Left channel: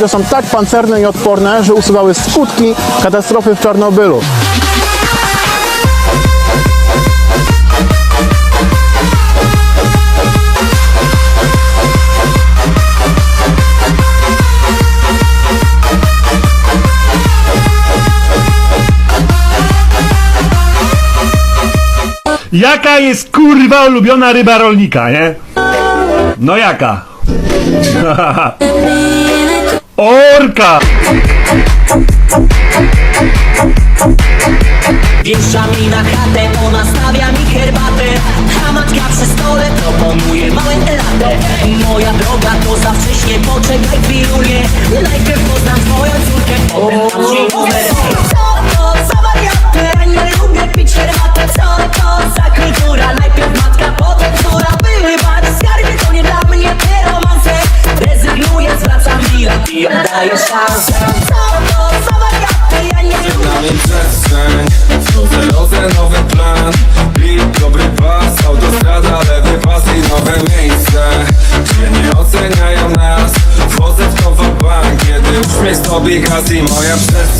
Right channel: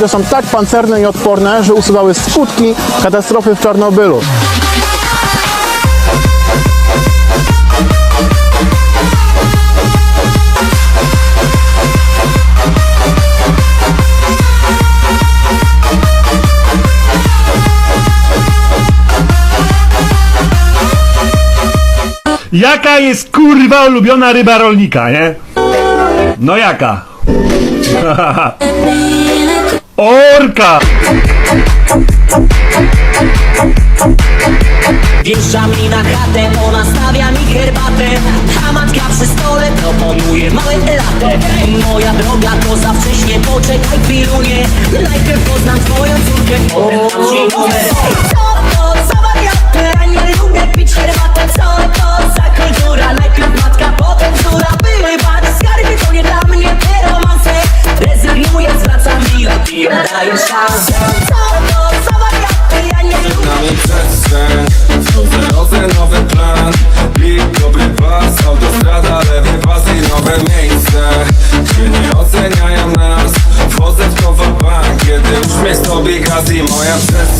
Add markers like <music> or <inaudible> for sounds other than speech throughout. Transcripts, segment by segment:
te są tak pancerne i odporne, że usuwały skutki katastrofy w Czarnobylu. Jaka jest kurwa ulubiona ryba rolnika, nie? No jaka? <laughs> Orka! Wjeżdża mi na chatę, ona stawia mi herbatę. A matka przy stole proponuje małe latę Moja droga to za wcześnie, poczekaj chwilunie Najpierw poznam twoją córkę, potem dam ci stopy gaz i moja przestrzeń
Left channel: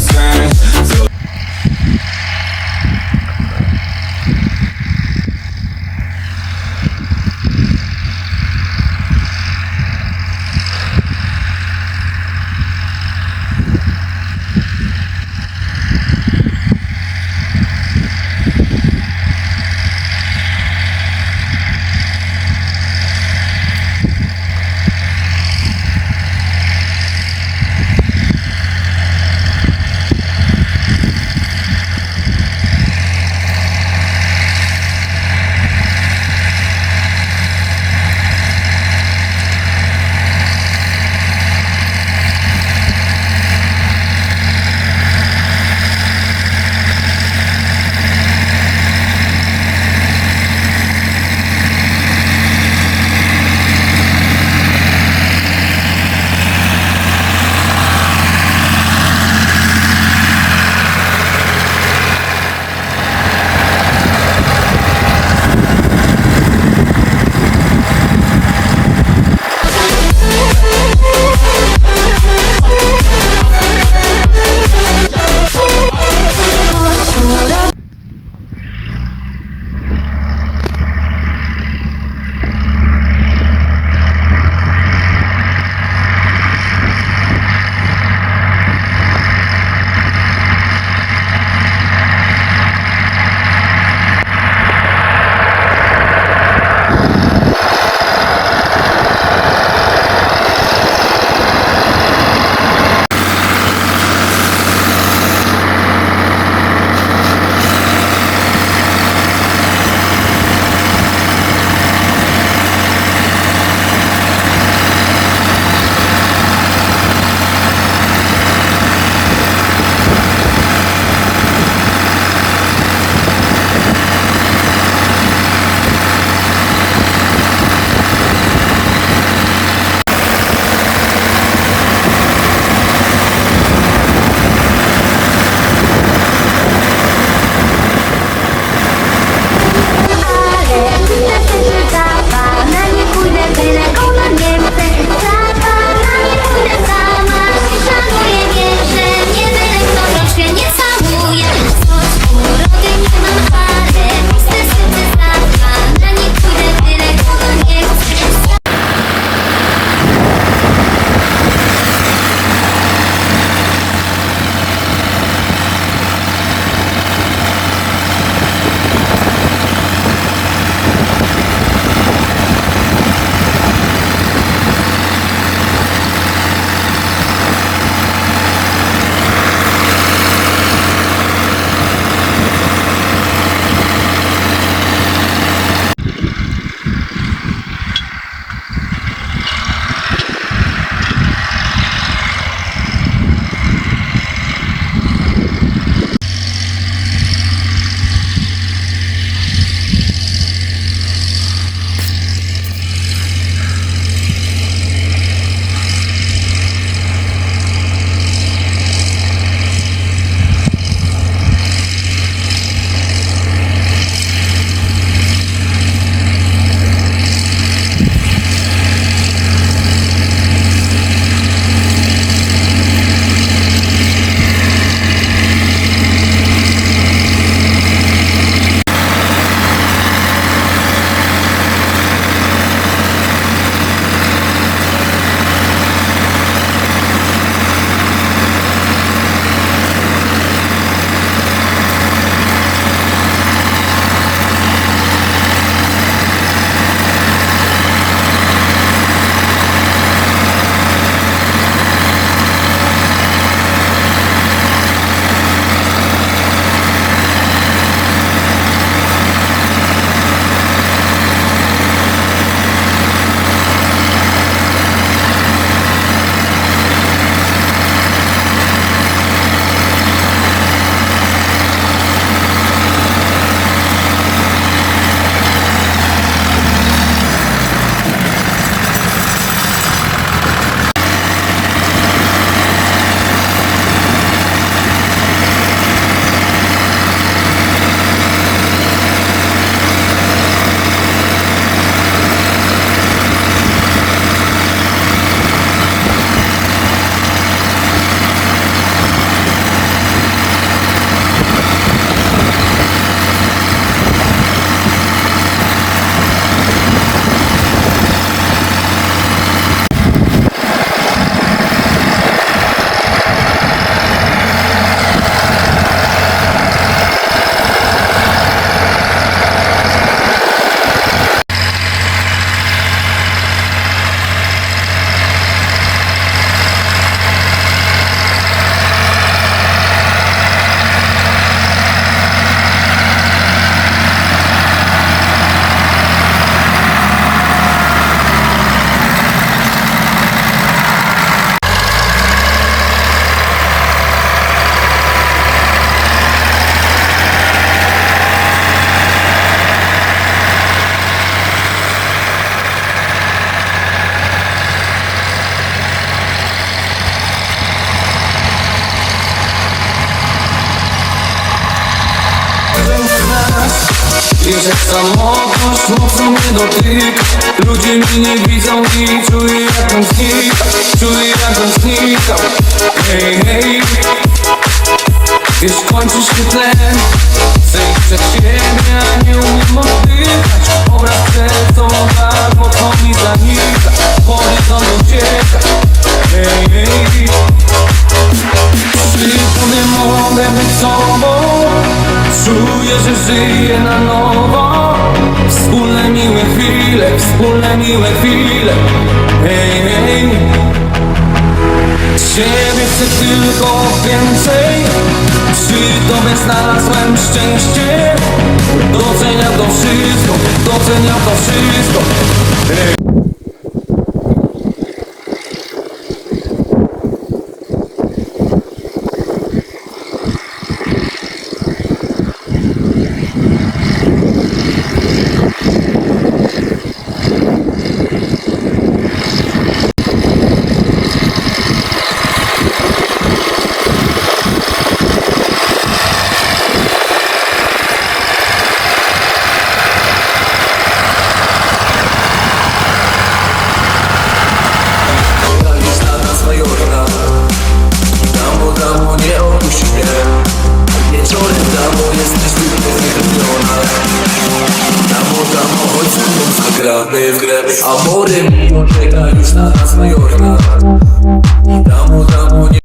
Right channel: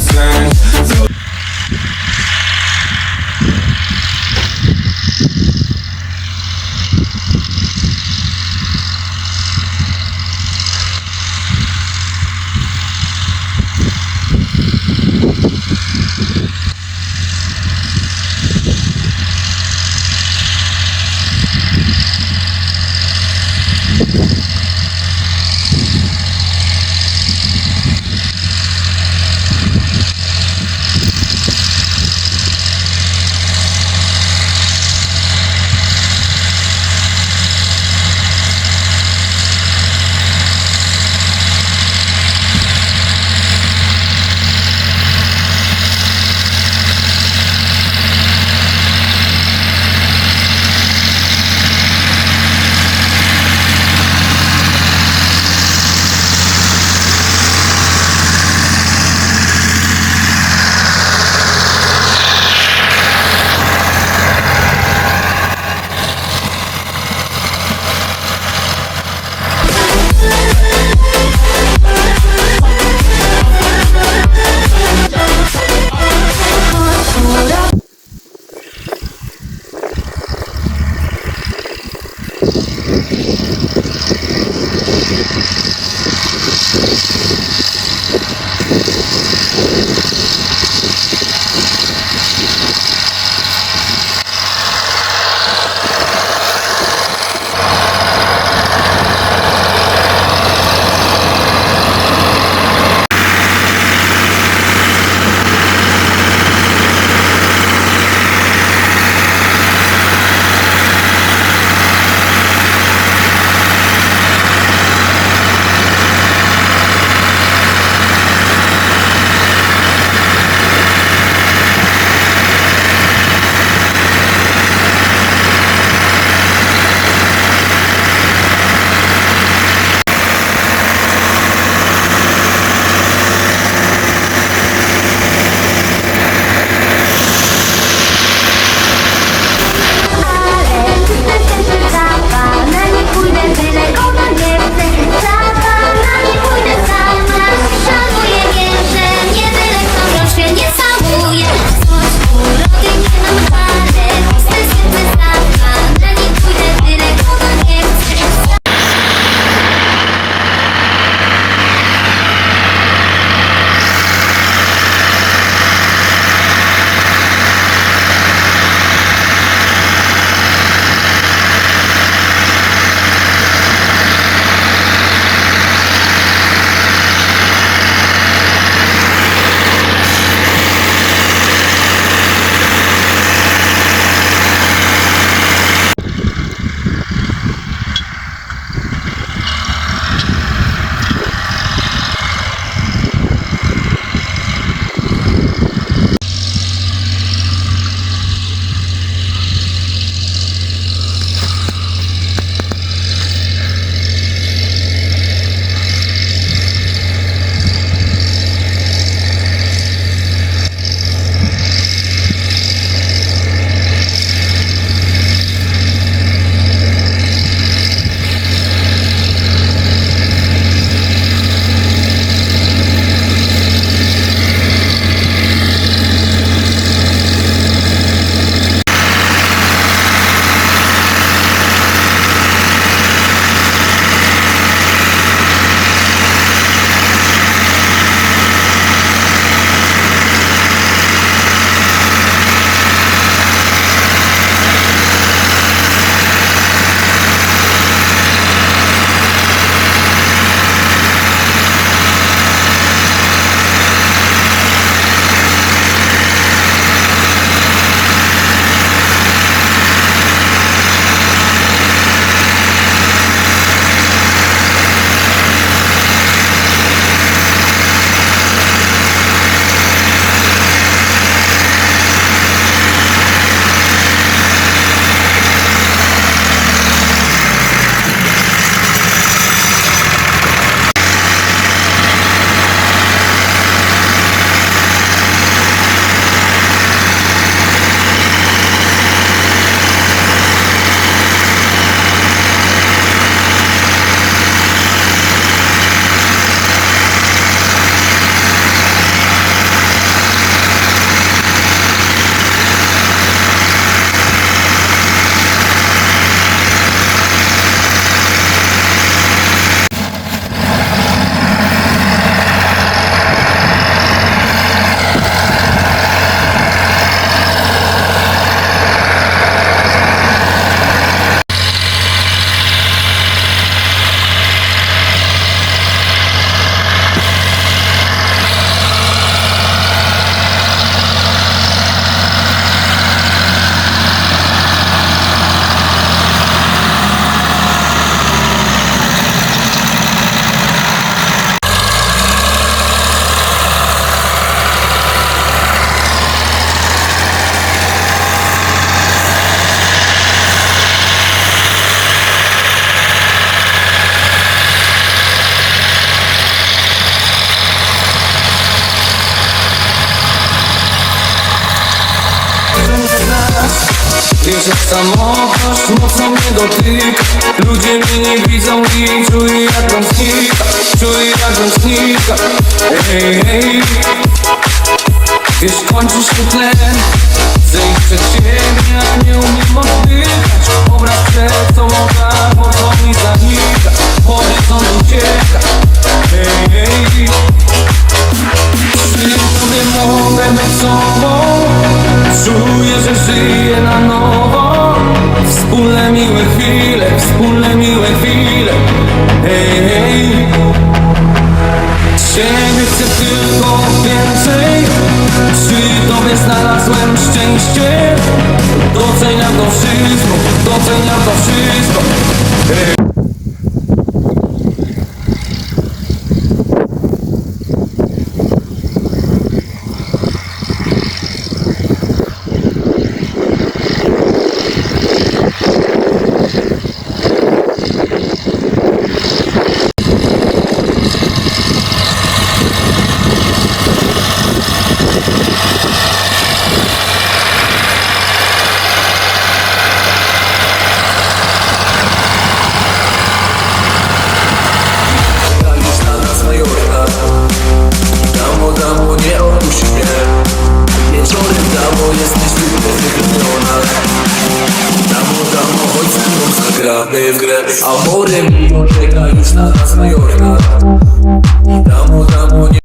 Wiesz jak samotność mocno mnie dotyka Ludzie mnie nie widzą i czuję jak on znika Czuję jak on znika Hej, hej. Wiesz kończy się tlen. Iść przed siebie, a nie umiem oddychać. Obraz przed sobą tak mocno mi zanika. Horyzont ucieka. Hej, hej. Przy tobie mogę być sobą Czuję, że żyję na nowo. Wspólne miłe chwile, wspólne miłe chwile. Hej, hej. Ciebie chcę tylko więcej. Przy tobie znalazłem szczęście. Doceniam to wszystko, doceniam to wszystko. Już без А море мимо чекають на нас майор нарад